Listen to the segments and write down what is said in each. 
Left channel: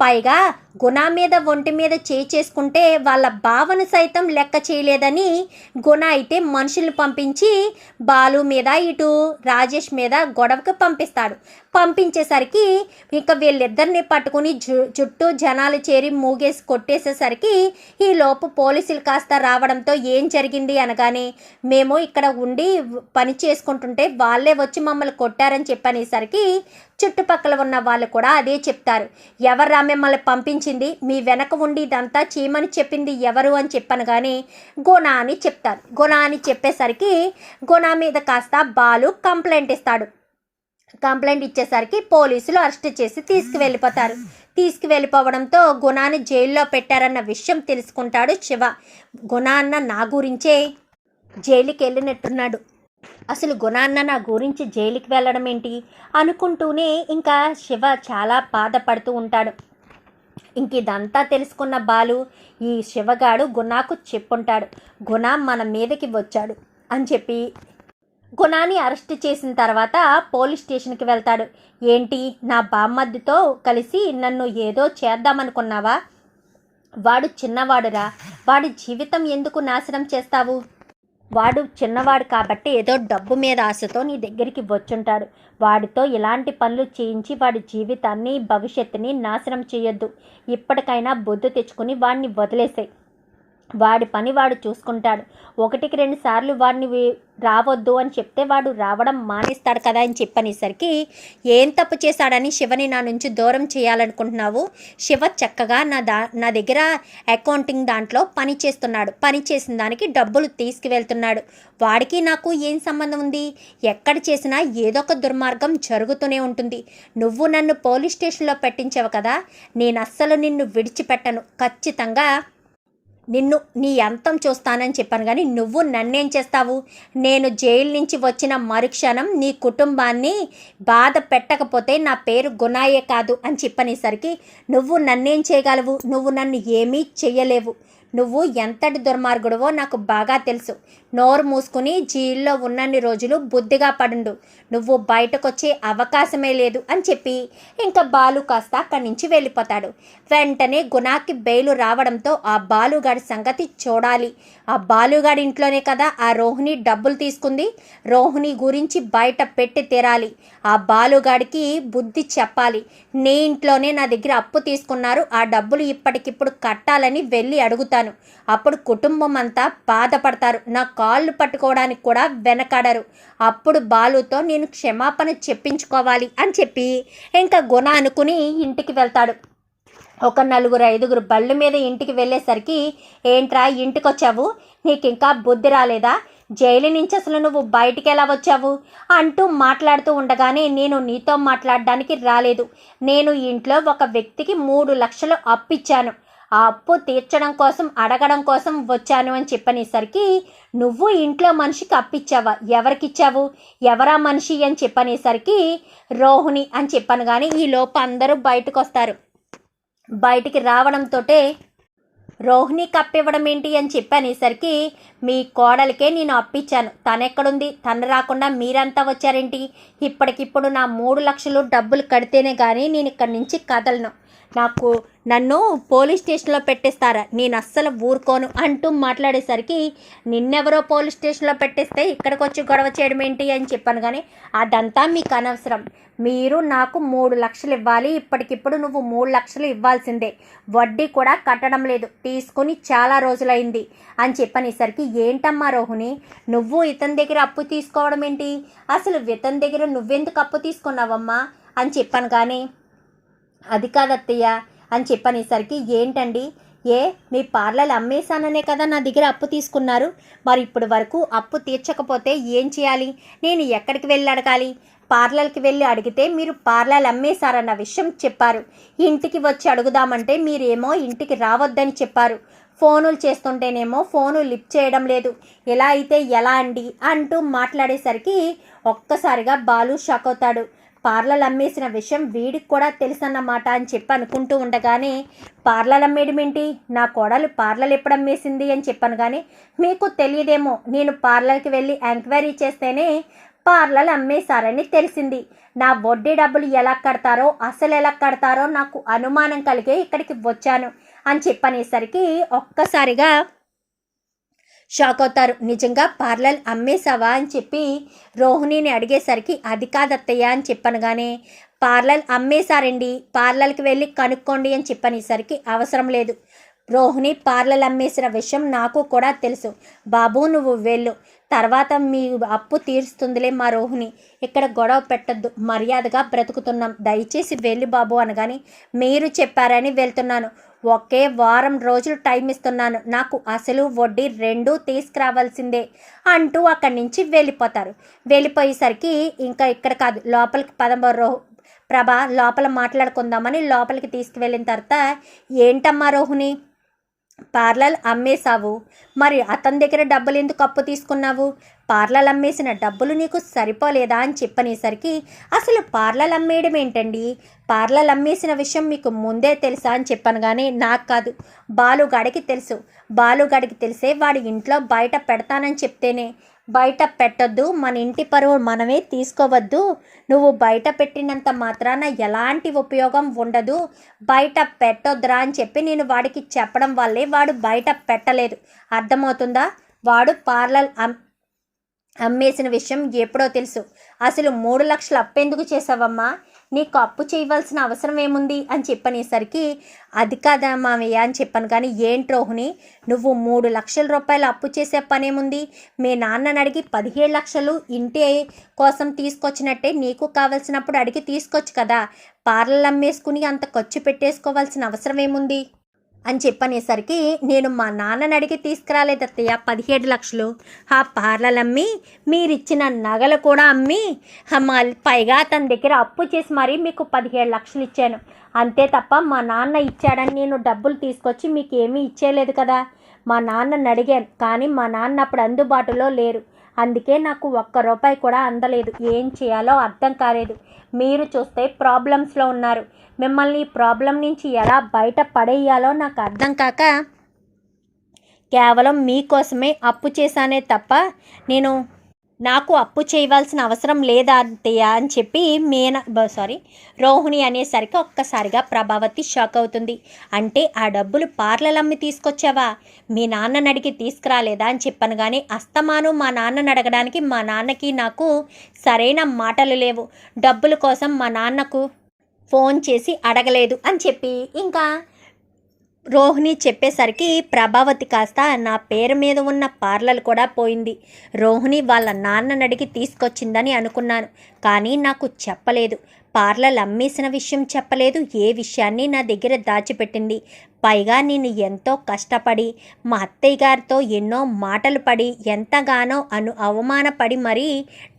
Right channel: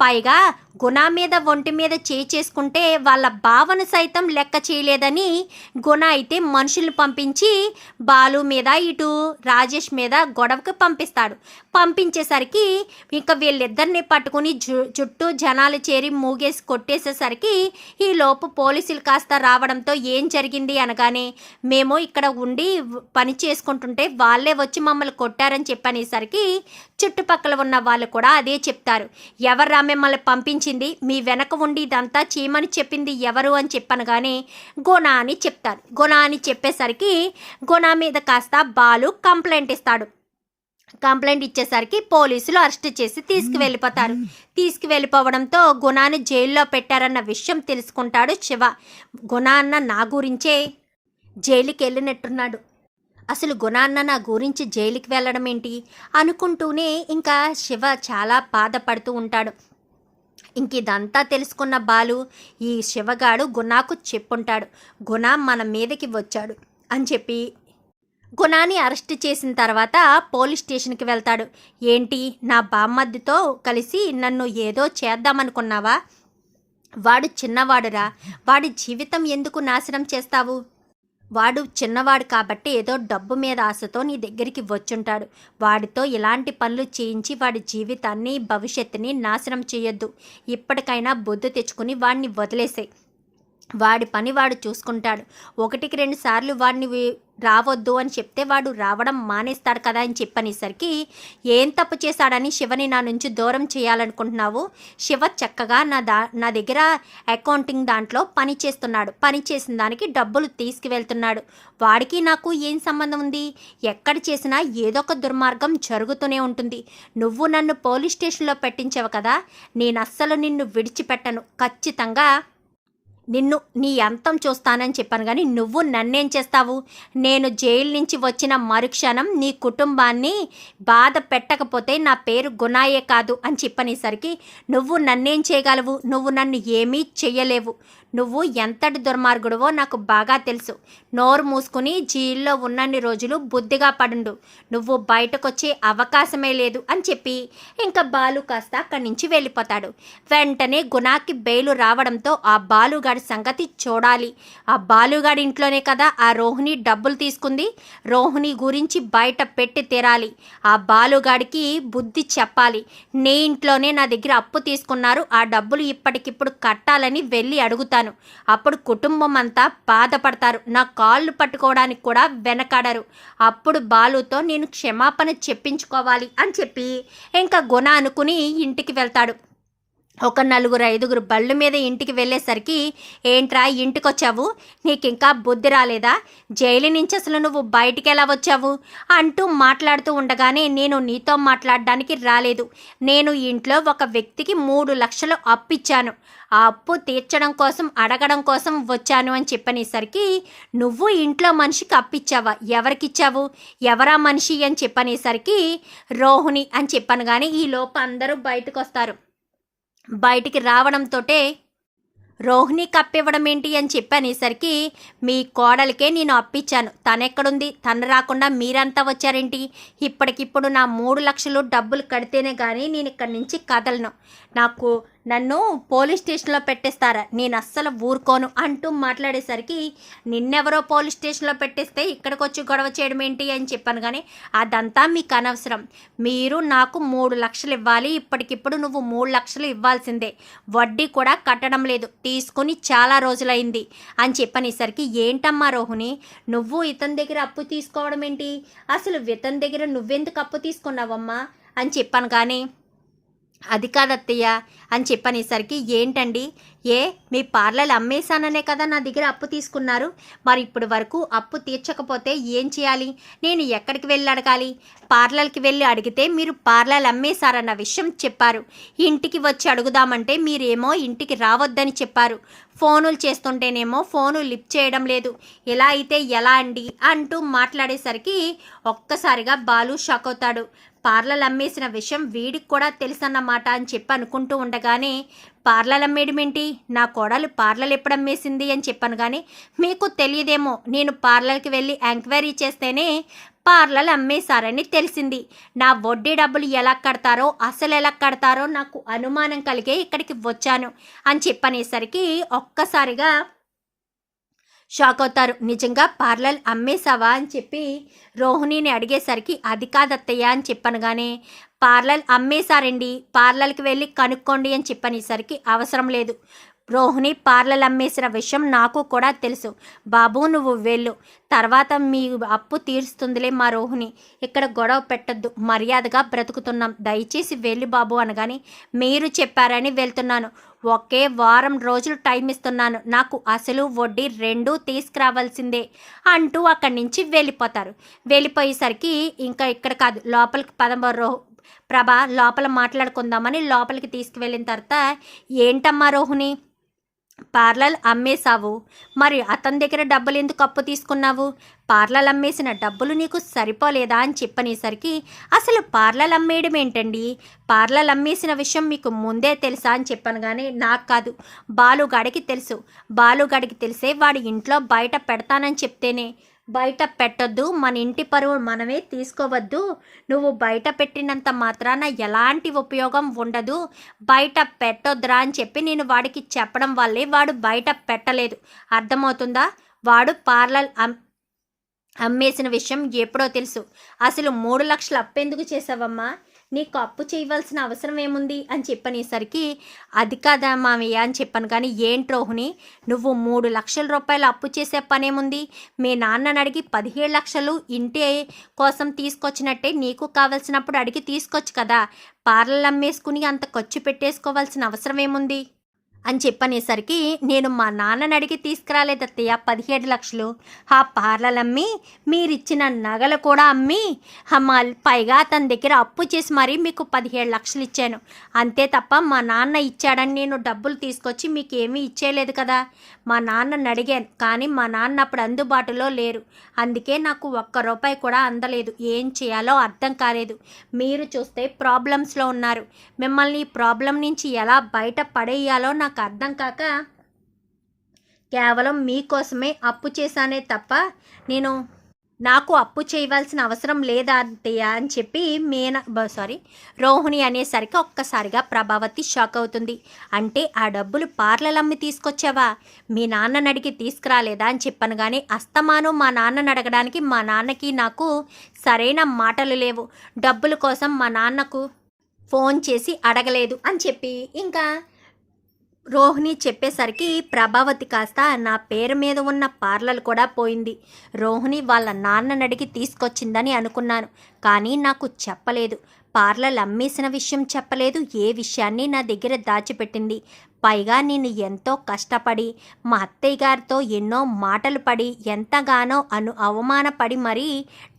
పైగా గుణ మీద ఒంటి మీద చేయి చేసుకుంటే వాళ్ళ భావన సైతం లెక్క చేయలేదని గుణ అయితే మనుషుల్ని పంపించి బాలు మీద ఇటు రాజేష్ మీద గొడవకి పంపిస్తాడు. పంపించేసరికి ఇంకా వీళ్ళిద్దరిని పట్టుకుని జు చుట్టూ జనాలు చేరి మూగేసి కొట్టేసేసరికి ఈ లోపు పోలీసులు కాస్త రావడంతో ఏం జరిగింది అనగానే మేము ఇక్కడ ఉండి పని చేసుకుంటుంటే వాళ్ళే వచ్చి మమ్మల్ని కొట్టారని చెప్పనేసరికి చుట్టుపక్కల ఉన్న వాళ్ళు కూడా అదే చెప్తారు. ఎవరు మిమ్మల్ని పంపించింది మీ వెనక ఉండి ఇదంతా చేయమని చెప్పింది ఎవరు అని చెప్పాను కానీ గుణ అని చెప్తారు గుణ అని చెప్పేసరికి గుణ మీద కాస్త బాలు కంప్లైంట్ ఇస్తాడు. కంప్లైంట్ ఇచ్చేసరికి పోలీసులు అరెస్ట్ చేసి తీసుకువెళ్ళిపోతారు. తీసుకువెళ్ళిపోవడంతో గుణాన్ని జైల్లో పెట్టారన్న విషయం తెలుసుకుంటాడు శివ. గుణ అన్న నా గురించే జైలుకి వెళ్ళినట్టున్నాడు. అసలు గుణాన్న నా గురించి జైలుకి వెళ్ళడం ఏంటి అనుకుంటూనే ఇంకా శివ చాలా బాధపడుతూ ఉంటాడు. ఇంక ఇదంతా తెలుసుకున్న బాలు ఈ శివగాడు గుణాకు చెప్పుంటాడు. గుణ మన మీదకి వచ్చాడు అని చెప్పి గుణాన్ని అరెస్ట్ చేసిన తర్వాత పోలీస్ స్టేషన్కి వెళ్తాడు. ఏంటి నా బామ్మద్దితో కలిసి నన్ను ఏదో చేద్దామనుకున్నావా? వాడు చిన్నవాడురా. వాడి జీవితం ఎందుకు నాశనం చేస్తావు? వాడు చిన్నవాడు కాబట్టి ఏదో డబ్బు మీద ఆశతో నీ దగ్గరికి వచ్చుంటాడు. వాడితో ఇలాంటి పనులు చేయించి వాడి జీవితాన్ని భవిష్యత్తుని నాశనం చేయొద్దు. ఇప్పటికైనా బొద్దు తెచ్చుకుని వాడిని వదిలేసాయి. వాడి పని వాడు చూసుకుంటాడు. ఒకటికి రెండు సార్లు వాడిని రావద్దు అని చెప్తే వాడు రావడం మానేస్తాడు కదా అని చెప్పనేసరికి ఏం తప్పు చేశాడని శివని నా నుంచి దూరం చేయాలనుకుంటున్నావు? శివ చక్కగా నా దా నా దగ్గర అకౌంటింగ్ దాంట్లో పని చేస్తున్నాడు. పని చేసిన దానికి డబ్బులు తీసుకువెళ్తున్నాడు. వాడికి నాకు ఏం సంబంధం ఉంది? ఎక్కడ చేసినా ఏదో ఒక దుర్మార్గం జరుగుతూనే ఉంటుంది. నువ్వు నన్ను పోలీస్ స్టేషన్లో పెట్టించావు కదా? నేను అస్సలు నిన్ను విడిచిపెట్టను. ఖచ్చితంగా నిన్ను నీ అంతం చూస్తానని చెప్పాను కానీ నువ్వు నన్నేం చేస్తావు? నేను జైలు నుంచి వచ్చిన మరుక్షణం నీ కుటుంబాన్ని బాధ పెట్టకపోతే నా పేరు గుణాయే కాదు అని చెప్పనేసరికి నువ్వు నన్నేం చేయగలవు? నువ్వు నన్ను ఏమీ చెయ్యలేవు. నువ్వు ఎంతటి దుర్మార్గుడువో నాకు బాగా తెలుసు. నోరు మూసుకుని జైల్లో ఉన్నన్ని రోజులు బుద్ధిగా పడుండు. నువ్వు బయటకొచ్చే అవకాశమే లేదు అని చెప్పి ఇంకా బాలు కాస్త అక్కడి నుంచి వెళ్ళిపోతాడు. వెంటనే గుణాకి బెయిలు రావడంతో ఆ బాలుగాడి సంగతి చూడాలి. ఆ బాలుగాడి ఇంట్లోనే కదా ఆ రోహిణి డబ్బులు తీసుకుంది. రోహిణి గురించి బయట పెట్టి తీరాలి. ఆ బాలుగాడికి బుద్ధి చెప్పాలి. నీ ఇంట్లోనే నా దగ్గర అప్పు తీసుకున్నారు. ఆ డబ్బులు ఇప్పటికిప్పుడు కట్టాలని వెళ్ళి అడుగుతాను అప్పుడు కుటుంబం అంతా బాధపడతారు. నా కాళ్ళు పట్టుకోవడానికి కూడా వెనకాడరు. అప్పుడు బాలుతో నేను క్షమాపణ చెప్పించుకోవాలి అని చెప్పి ఇంకా గుణ అనుకుని ఇంటికి వెళ్తాడు. ఒక నలుగురు ఐదుగురు బళ్ళు మీద ఇంటికి వెళ్ళేసరికి ఏంట్రా ఇంటికి వచ్చావు నీకు ఇంకా బుద్ధి రాలేదా? జైలు నుంచి అసలు నువ్వు బయటికి ఎలా వచ్చావు? అంటూ మాట్లాడుతూ ఉండగానే నేను నీతో మాట్లాడడానికి రాలేదు. నేను ఇంట్లో ఒక వ్యక్తికి మూడు లక్షలు అప్పిచ్చాను. ఆ అప్పు తీర్చడం కోసం అడగడం కోసం వచ్చాను అని చెప్పనేసరికి నువ్వు ఇంట్లో మనిషికి అప్పిచ్చావా? ఎవరికిచ్చావు? ఎవరా మనిషి? అని చెప్పనేసరికి రోహిణి అని చెప్పాను కానీ ఈ లోపు అందరూ బయటకు వస్తారు బయటికి రావడంతోటే రోహిణి కప్పివ్వడం ఏంటి అని చెప్పనేసరికి మీ కోడలికే నేను అప్పిచ్చాను. తనెక్కడుంది? తను రాకుండా మీరంతా వచ్చారేంటి? ఇప్పటికిప్పుడు నా మూడు లక్షలు డబ్బులు కడితేనే కానీ నేను ఇక్కడి నుంచి కదలను. నాకు నన్ను పోలీస్ స్టేషన్లో పెట్టేస్తారా? నేను అస్సలు ఊరుకోను అంటూ మాట్లాడేసరికి నిన్నెవరో పోలీస్ స్టేషన్లో పెట్టేస్తే ఇక్కడికి వచ్చి గొడవ చేయడం ఏంటి అని చెప్పాను కానీ అదంతా మీకు అనవసరం. మీరు నాకు మూడు లక్షలు ఇవ్వాలి ఇప్పటికిప్పుడు నువ్వు మూడు లక్షలు ఇవ్వాల్సిందే. వడ్డీ కూడా కట్టడం లేదు తీసుకుని చాలా రోజులైంది అని చెప్పనేసరికి ఏంటమ్మా రోహిణి నువ్వు ఇతని దగ్గర అప్పు తీసుకోవడం ఏంటి? అసలు ఇతని దగ్గర నువ్వెందుకు అప్పు తీసుకున్నావమ్మా? అని చెప్పాను కానీ అది కాదత్తయ్య అని చెప్పనేసరికి ఏంటండి? ఏ మీ పార్లర్ అమ్మేశాననే కదా నా దగ్గర అప్పు తీసుకున్నారు. మరి ఇప్పుడు వరకు అప్పు తీర్చకపోతే ఏం చేయాలి? నేను ఎక్కడికి వెళ్ళి అడగాలి? పార్లర్కి వెళ్ళి అడిగితే మీరు పార్లర్ అమ్మేశారన్న విషయం చెప్పారు. ఇంటికి వచ్చి అడుగుదామంటే మీరేమో ఇంటికి రావద్దని చెప్పారు. ఫోనులు చేస్తుంటేనేమో ఫోను లిఫ్ట్ చేయడం లేదు. ఎలా అయితే ఎలా అండి? అంటూ మాట్లాడేసరికి ఒక్కసారిగా బాలు షాక్ అవుతాడు. పార్లర్ అమ్మేసిన విషయం వీడికి కూడా తెలుసన్నమాట అని చెప్పి అనుకుంటూ ఉండగానే పార్లర్ అమ్మేయడమేంటి నా కోడలు పార్లర్ ఎప్పుడు అమ్మేసింది అని చెప్పాను కానీ మీకు తెలియదేమో. నేను పార్లర్కి వెళ్ళి ఎంక్వైరీ చేస్తేనే పార్లలు అమ్మేశారని తెలిసింది. నా వడ్డీ డబ్బులు ఎలా కడతారో అసలు ఎలా కడతారో నాకు అనుమానం కలిగే ఇక్కడికి వచ్చాను అని చెప్పనేసరికి ఒక్కసారిగా షాక్ అవుతారు నిజంగా పార్లర్ అమ్మేశావా అని చెప్పి రోహిణిని అడిగేసరికి అది కాదత్తయ్య అని చెప్పనగానే పార్లర్ అమ్మేశారండి. పార్లర్కి వెళ్ళి కనుక్కోండి అని చెప్పనేసరికి అవసరం లేదు. రోహిణి పార్లర్ అమ్మేసిన విషయం నాకు కూడా తెలుసు. బాబు నువ్వు వెళ్ళు. తర్వాత మీ అప్పు తీరుస్తుందిలే మా రోహిణి. ఇక్కడ గొడవ పెట్టద్దు. మర్యాదగా బ్రతుకుతున్నాం. దయచేసి వెళ్ళి బాబు అనగాని మీరు చెప్పారని వెళ్తున్నాను. ఒకే వారం రోజులు టైం ఇస్తున్నాను. నాకు అసలు వడ్డీ రెండూ తీసుకురావాల్సిందే అంటూ అక్కడి నుంచి వెళ్ళిపోతారు. వెళ్ళిపోయేసరికి ఇంకా ఇక్కడ కాదు లోపలికి పదమరో ప్రభ లోపల మాట్లాడుకుందామని లోపలికి తీసుకువెళ్ళిన తర్వాత ఏంటమ్మా రోహిణి పార్లర్ అమ్మేశావు. మరి అతని దగ్గర డబ్బులు ఎందుకు అప్పు తీసుకున్నావు? పార్లర్ అమ్మేసిన డబ్బులు నీకు సరిపోలేదా అని చెప్పనేసరికి అసలు పార్లర్ అమ్మేయడం ఏంటండి? పార్లర్ అమ్మేసిన విషయం మీకు ముందే తెలుసా అని చెప్పాను కానీ నాకు కాదు బాలుగాడికి తెలుసు. బాలుగాడికి తెలిసే వాడి ఇంట్లో బయట పెడతానని చెప్తేనే బయట పెట్టొద్దు. మన ఇంటి పరువు మనమే తీసుకోవద్దు. నువ్వు బయట పెట్టినంత మాత్రాన ఎలాంటి ఉపయోగం ఉండదు. బయట పెట్టొద్దురా అని చెప్పి నేను వాడికి చెప్పడం వల్లే వాడు బయట పెట్టలేదు. అర్థమవుతుందా? వాడు పార్లర్ అమ్ అమ్మేసిన విషయం ఎప్పుడో తెలుసు. అసలు మూడు లక్షలు అప్పెందుకు చేసావమ్మా? నీకు అప్పు చేయవలసిన అవసరం ఏముంది? అని చెప్పనేసరికి అది కాదా మామయ్య అని చెప్పాను. కానీ ఏంటి రోహిణి నువ్వు మూడు లక్షల రూపాయలు అప్పు చేసే పనేముంది? మీ నాన్నని అడిగి పదిహేడు లక్షలు ఇంటి కోసం తీసుకొచ్చినట్టే నీకు కావలసినప్పుడు అడిగి తీసుకొచ్చు కదా? పార్లర్ అమ్మేసుకుని అంత ఖర్చు పెట్టేసుకోవాల్సిన అవసరం ఏముంది? అని చెప్పనేసరికి నేను మా నాన్నని అడిగి తీసుకురాలేదు అత్తయ్య పదిహేడు లక్షలు. ఆ పార్లలు అమ్మి మీరిచ్చిన నగలు కూడా అమ్మి మా పైగా అతని దగ్గర అప్పు చేసి మరీ మీకు పదిహేడు లక్షలు ఇచ్చాను. అంతే తప్ప మా నాన్న ఇచ్చాడని నేను డబ్బులు తీసుకొచ్చి మీకు ఏమీ ఇచ్చేయలేదు కదా. మా నాన్నని అడిగాను కానీ మా నాన్న అప్పుడు అందుబాటులో లేరు. అందుకే నాకు ఒక్క రూపాయి కూడా అందలేదు. ఏం చేయాలో అర్థం కాలేదు. మీరు చూస్తే ప్రాబ్లమ్స్లో ఉన్నారు. మిమ్మల్ని ఈ ప్రాబ్లం నుంచి ఎలా బయట పడేయాలో నాకు అర్థం కాక కేవలం మీకోసమే అప్పు చేశానే తప్ప నేను నాకు అప్పు చేయవలసిన అవసరం లేదా అంతయ్య అని చెప్పి మీన సారీ రోహిణి అనేసరికి ఒక్కసారిగా ప్రభావతి షాక్ అవుతుంది. అంటే ఆ డబ్బులు పార్లలమ్మి తీసుకొచ్చావా? మీ నాన్నని అడిగి తీసుకురాలేదా? అని చెప్పాను కానీ అస్తమాను మా నాన్నని అడగడానికి మా నాన్నకి నాకు సరైన మాటలు లేవు. డబ్బుల కోసం మా నాన్నకు ఫోన్ చేసి అడగలేదు అని చెప్పి ఇంకా రోహిణి చెప్పేసరికి ప్రభావతి కాస్త నా పేరు మీద ఉన్న పార్లర్ కూడా పోయింది. రోహిణి వాళ్ళ నాన్నని అడిగి తీసుకొచ్చిందని అనుకున్నాను. కానీ నాకు చెప్పలేదు. పార్లర్ అమ్మేసిన విషయం చెప్పలేదు. ఏ విషయాన్ని నా దగ్గర దాచిపెట్టింది? పైగా నేను ఎంతో కష్టపడి మా అత్తయ్య గారితో ఎన్నో మాటలు పడి ఎంతగానో అను అవమానపడి మరీ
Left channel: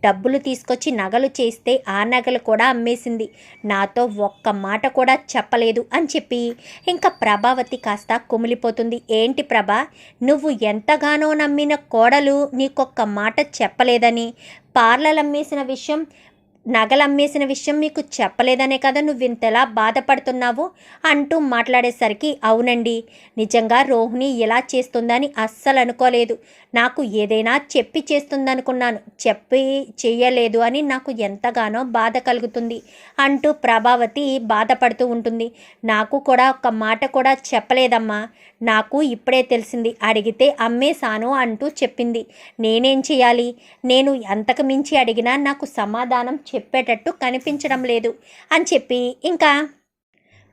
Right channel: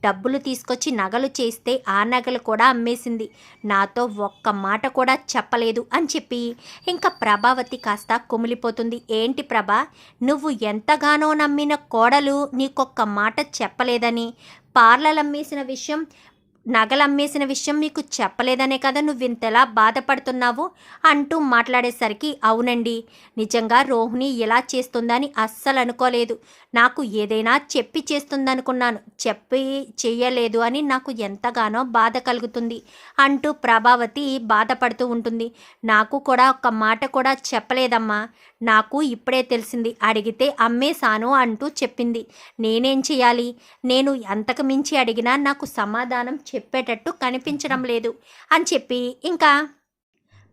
డబ్బులు తీసుకొచ్చి నగలు చేస్తే ఆ నగలు కూడా అమ్మేసింది. నాతో ఒక్క మాట కూడా చెప్పలేదు అని చెప్పి ఇంకా ప్రభావతి కాస్త కుమిలిపోతుంది. ఏంటి ప్రభా? నువ్వు ఎంతగానో నమ్మిన కోడలు నీకొక్క మాట చెప్పలేదని. పార్లర్ అమ్మేసిన విషయం నగలు అమ్మేసిన విషయం మీకు చెప్పలేదనే కదా నువ్వు ఇంతలా బాధపడుతున్నావు అంటూ మాట్లాడేసరికి అవునండి నిజంగా రోహిణి ఇలా చేస్తుందని అస్సలు అనుకోలేదు. నాకు ఏదైనా చెప్పి చేస్తుందనుకున్నాను. చెప్పి చేయలేదు అని నాకు ఎంతగానో బాధ కలుగుతుంది అంటూ ప్రభావతి బాధపడుతూ ఉంటుంది. నాకు కూడా ఒక మాట కూడా చెప్పలేదమ్మా. నాకు ఇప్పుడే తెలిసింది. అడిగితే అమ్మేశాను అంటూ చెప్పింది. నేనేం చేయాలి నేను ఎంతకు మించి అడిగినా నాకు సమాధానం చెప్పేటట్టు కనిపించడం లేదు అని చెప్పి ఇంకా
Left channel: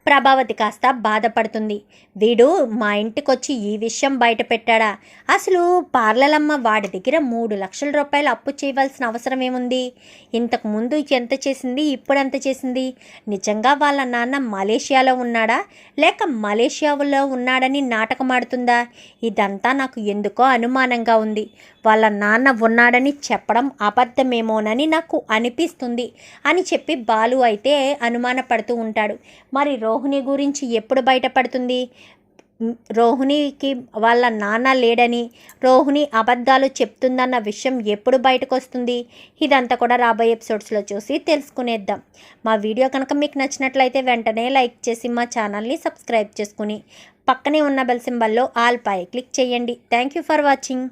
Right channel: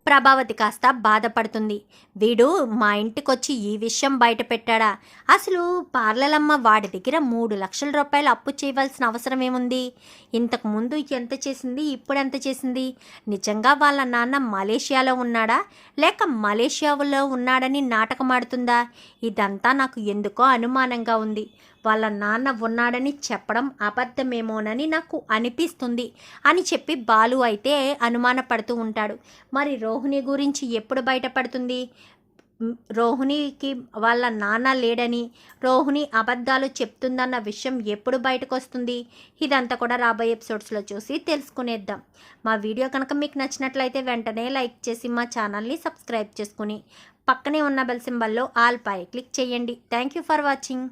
ప్రభావతి కాస్త బాధపడుతుంది. వీడు మా ఇంటికొచ్చి ఈ విషయం బయట పెట్టాడా? అసలు పార్లలమ్మ వాడి దగ్గర మూడు లక్షల రూపాయలు అప్పు చేయవలసిన అవసరం ఏముంది? ఇంతకు ముందు ఎంత చేసింది ఇప్పుడు ఎంత చేసింది? నిజంగా వాళ్ళ నాన్న మలేషియాలో ఉన్నాడా? లేక మలేషియాలో ఉన్నాడని నాటకమాడుతుందా? ఇదంతా నాకు ఎందుకో అనుమానంగా ఉంది. వాళ్ళ నాన్న ఉన్నాడని చెప్పడం అబద్ధమేమోనని నాకు అనిపిస్తుంది అని చెప్పి బాలు అయితే అనుమానపడుతూ ఉంటాడు. మరి రో రోహిణి గురించి ఎప్పుడు బయటపడుతుంది? రోహిణికి వాళ్ళ నాన్న లేడని రోహిణి అబద్ధాలు చెప్తుందన్న విషయం ఎప్పుడు బయటకు వస్తుంది ఇదంతా కూడా రాబోయే ఎపిసోడ్స్లో చూసి తెలుసుకునేద్దాం. మా వీడియో కనుక మీకు నచ్చినట్లయితే వెంటనే లైక్ చేసి మా ఛానల్ని సబ్స్క్రైబ్ చేసుకుని పక్కనే ఉన్న బెల్ సింబల్లో ఆల్ పై క్లిక్ చేయండి. Thank you for watching.